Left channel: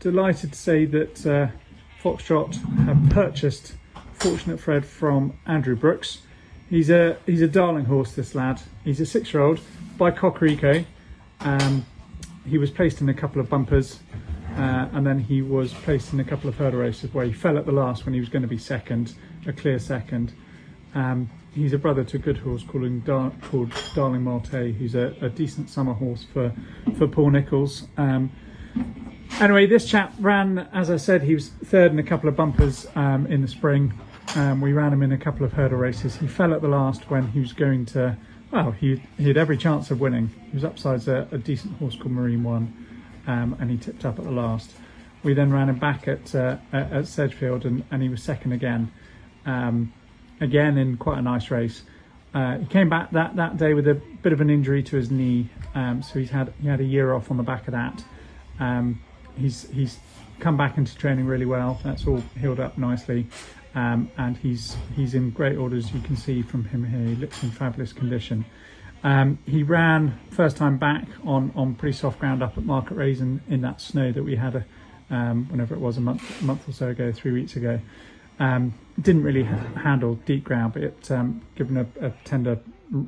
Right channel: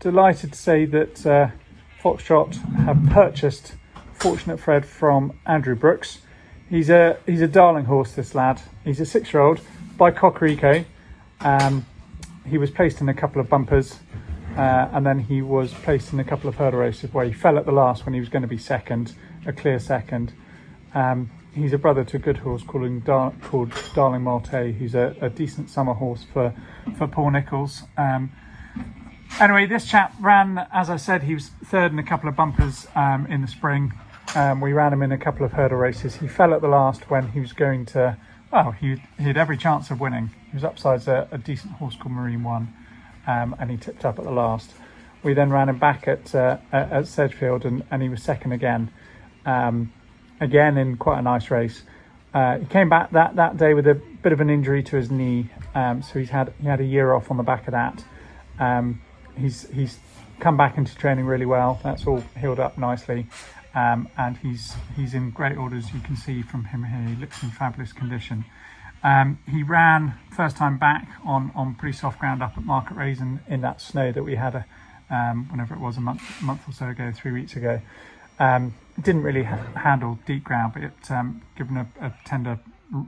delighted to say that Foxtrot have purchased Fortunate Fred from Andrew Brooks. He's a darling horse, this lad. He's a 6-year-old by Cocorico. He was placed in a couple of bumpers and then he was placed in a couple of hurdle races where he fell at the last when he was going to be second, a clear second. He's a brother to a good horse called Darling Malte, who's a decent summer horse for Paul Nicholls. Anyway, this chap ran, as I said, he was third in a couple of bumpers in the spring. We ran him in a couple of hurdle races. He fell at the last when he was going to, well, he had every chance of winning. He was upsides a decent horse called Marine One, and he tipped up at the last. We then ran him back at Sedgefield and he was second again. Again in quite a nice race. He came back that day with a bit of an injury to his knee, so he had a year off on the back of that. He's come back into training really well. That's all healed up nicely, and he's in great order, as you can see from him here. He looks in fabulous condition. He ran first time back on pretty soft ground up at Market Raisin in that snow that we had whenever it was, a month or so ago, 3 weeks ago. Didn't really handle deep ground, but it given a tender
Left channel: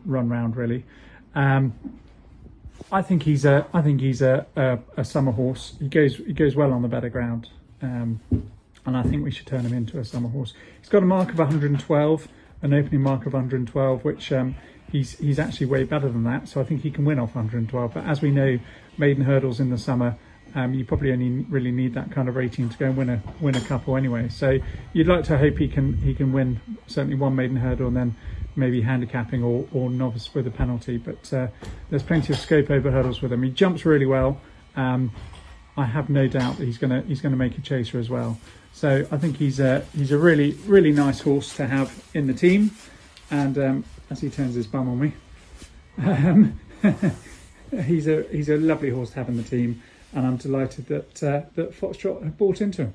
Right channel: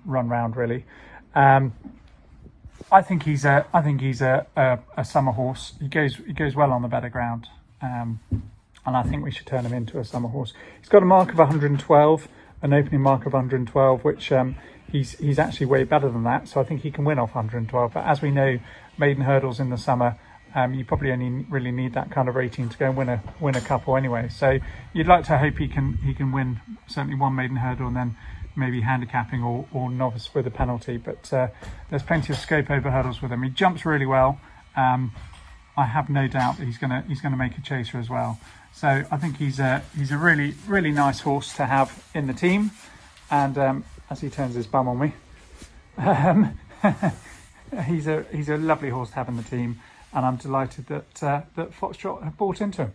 run round really. I think he's a summer horse. He goes well on the better ground, and I think we should turn him into a summer horse. He's got a mark of 112, an opening mark of 112, which he's actually way better than that. So I think he can win off 112. But as we know, maiden hurdles in the summer, you probably only really need that kind of rating to go and win a couple anyway. So you'd like to hope he can win certainly one maiden hurdle and then maybe handicapping or novice with a penalty. But there's plenty of scope over hurdles with him. He jumps really well. I have no doubt that he's gonna make a chaser as well. So I think he's a really nice horse to have in the team. And as he turns his bum on me, he's a lovely horse to have in the team. And I'm delighted that Foxtrot have bought into him.